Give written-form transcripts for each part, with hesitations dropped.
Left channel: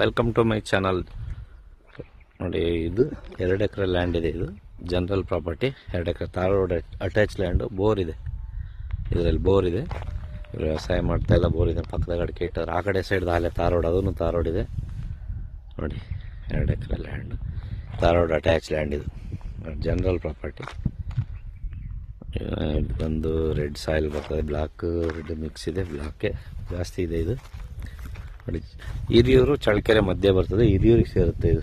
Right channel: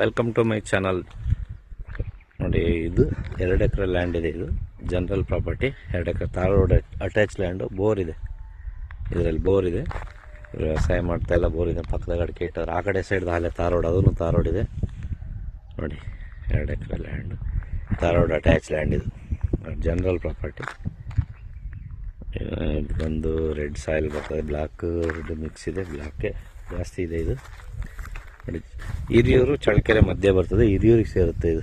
Welcome to my channel. ನೋಡಿ, ಇದು 2 acre land ಇದೆ. ಇದು general property. 2 acre tar road attach land. Bore ಇದೆ, ಇದರಲ್ಲಿ ಬೋರ್ ಇದೆ. ವ್ಯವಸಾಯ ಮಾಡ್ತಾ ಇಲ್ಲ, ಬೋರ್ ಇದೆ. ಪಕ್ಕದಾಗ ಅಡಿಕೆ ಇಟ್ಟವ್ರು. ಆ ಕಡೆ ಸೈಡ್ ಅಲ್ಲೇ ತಾರ್ ರೋಡ್, ಅದನ್ನು ತಾರ್ ರೋಡ್ ಇದೆ. ನೋಡಿ, 2 acre land, tar road attach land. ಇದು ಜನರಲ್ ಪ್ರಾಪರ್ಟಿ. ಒಂದು ರೆಡ್ ಸಾಯಿಲ್ ಬರ್ತದೆ, ಬ್ಲ್ಯಾಕ್ ರೆಡ್ ಮಿಕ್ಸ್ ಇದೆ. ಬ್ಲ್ಯಾಕೆ ಜಾಸ್ತಿ ಇದೆ. ಇದು ನೋಡಿ, ಹಿರಿಯೂರು ಚಳ್ಳಕೆರೆ ಮಧ್ಯೆ ಬರ್ತದೆ. ಹಿರಿಯೂರಿಗೆ ಸೇರುತ್ತೆ. ಇದು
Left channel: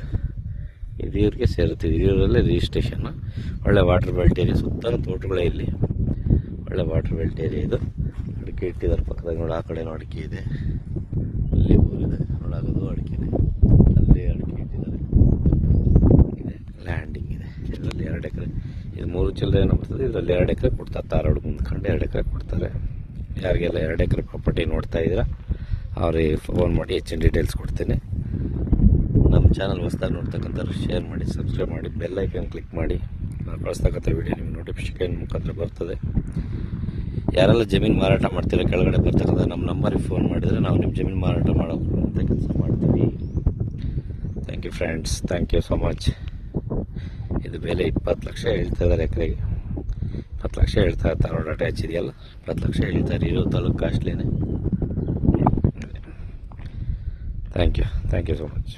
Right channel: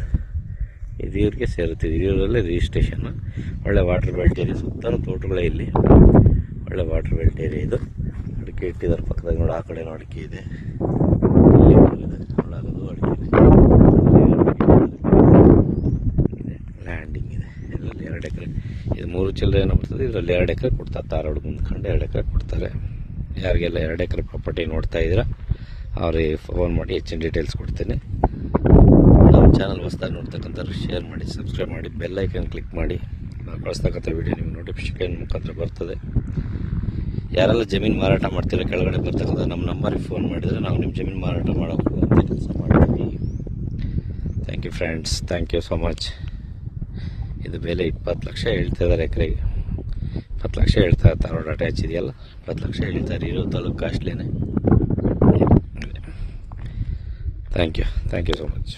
ಹಿರಿಯೂರಿಗೆ ಸೇರುತ್ತೆ. ಹಿರಿಯೂರಲ್ಲೇ ರಿಜಿಸ್ಟ್ರೇಷನ್. ಒಳ್ಳೆ ವಾಟರ್ ಬೆಲ್ಟ್ ಏರಿಯಾ. ಸುತ್ತ ತೋಟಗಳೇ ಇಲ್ಲಿ. ಒಳ್ಳೆ ವಾಟರ್ ಬೆಲ್ಟ್ ಏರಿಯಾ ಇದು. ಅಡಿಕೆ ಇಟ್ಟಿದ್ದಾರೆ ಪಕ್ಕದಾಗ. ನೋಡಿ, ಆ ಕಡೆನೂ ಅಡಿಕೆ ಇದೆ. ಇಲ್ಲಿ ಇದೆ, ಒಳಗದು ಅಡಿಕೆ ಇದೆ. ಲ್ಯಾಂಡಿಂಗ್ ಇದೆ. ಇದರಲ್ಲಿ 2 ಎಕರೆ. ಇದು 3 ಚಿಲ್ಲರೆ ಏನೋ ಬರ್ತದೆ. ಇದರಲ್ಲಿ 2 ಎಕರೆ ಕೊಡ್ತಾರೆ. ತಾರೋಡ್ ಮುಂದ್ಕೊಂಡು 2 ಎಕರೆ ಕೊಡ್ತಾರೆ. ಯಾರಿಗೆಲ್ಲ 2 ಎಕರೆ ಪ್ರಾಪರ್ಟಿ ನೋಡ್ತಾ ಇದ್ದೀರಾ ಅವ್ರಿಗೆ ಫೋನ್ ಮಾಡಿ ಹೆಚ್ಚಿನ ಡೀಟೇಲ್ಸ್ ಕೊಡ್ತೀನಿ. ನಮ್ಮ ಚಾನಲ್ ಹೊಸದಾಗಿ ನೋಡ್ತಕ್ಕಂಥವ್ರು ಶೇರ್ ಮಾಡಿ, ಸಬ್ಸ್ಕ್ರೈಬ್ ಮಾಡಿ, ಬೆಲ್ ಐಕನ್ ಕ್ಲಿಕ್ ಮಾಡಿ. ನಾವು ಕಳಿಸ್ತಕ್ಕಂಥ ವೀಡಿಯೋ ನಿಮಗೆ ನೋಟಿಫಿಕೇಶನ್ ಮುಖಾಂತರ ಬರ್ತದೆ. ಯಾರೆಲ್ಲ ಜಮೀನು ಮಾರಾಟ ಮಾಡ್ತೀರ ಕೆಳಗಡೆ ಬರ್ತಕ್ಕಂಥ ನಮ್ಮ ನಂಬರಿಗೆ ಫೋನ್ ಮಾಡಿದರೆ ನಾವು ನಿಮ್ಮ ಜಮೀನು ಮಾರಾಟ ಮಾಡೋಕ್ಕೆ ಕೆಲಸ ಮಾಡ್ತೀವಿ. Thank you friends, thank you so much. ಇದು ಬೆಲೆ 20 ಲಕ್ಷ ಹೇಳ್ತಾ ಇದ್ದಾರೆ ಎಕರೆಗೆ. 20 ಲಕ್ಷ ಹೇಳ್ತಾ ಇರ್ತಾರೆ. ರೋಡ್ ಅಟ್ಯಾಚ್ ಇದೆಯಲ್ಲ, 20 ಲಕ್ಷ ಹೇಳ್ತಾರೆ. ಇರೋ ತಾಲೂಕು ಕಾಸ್ಟ್ಲಿನೇ. Thank you so much.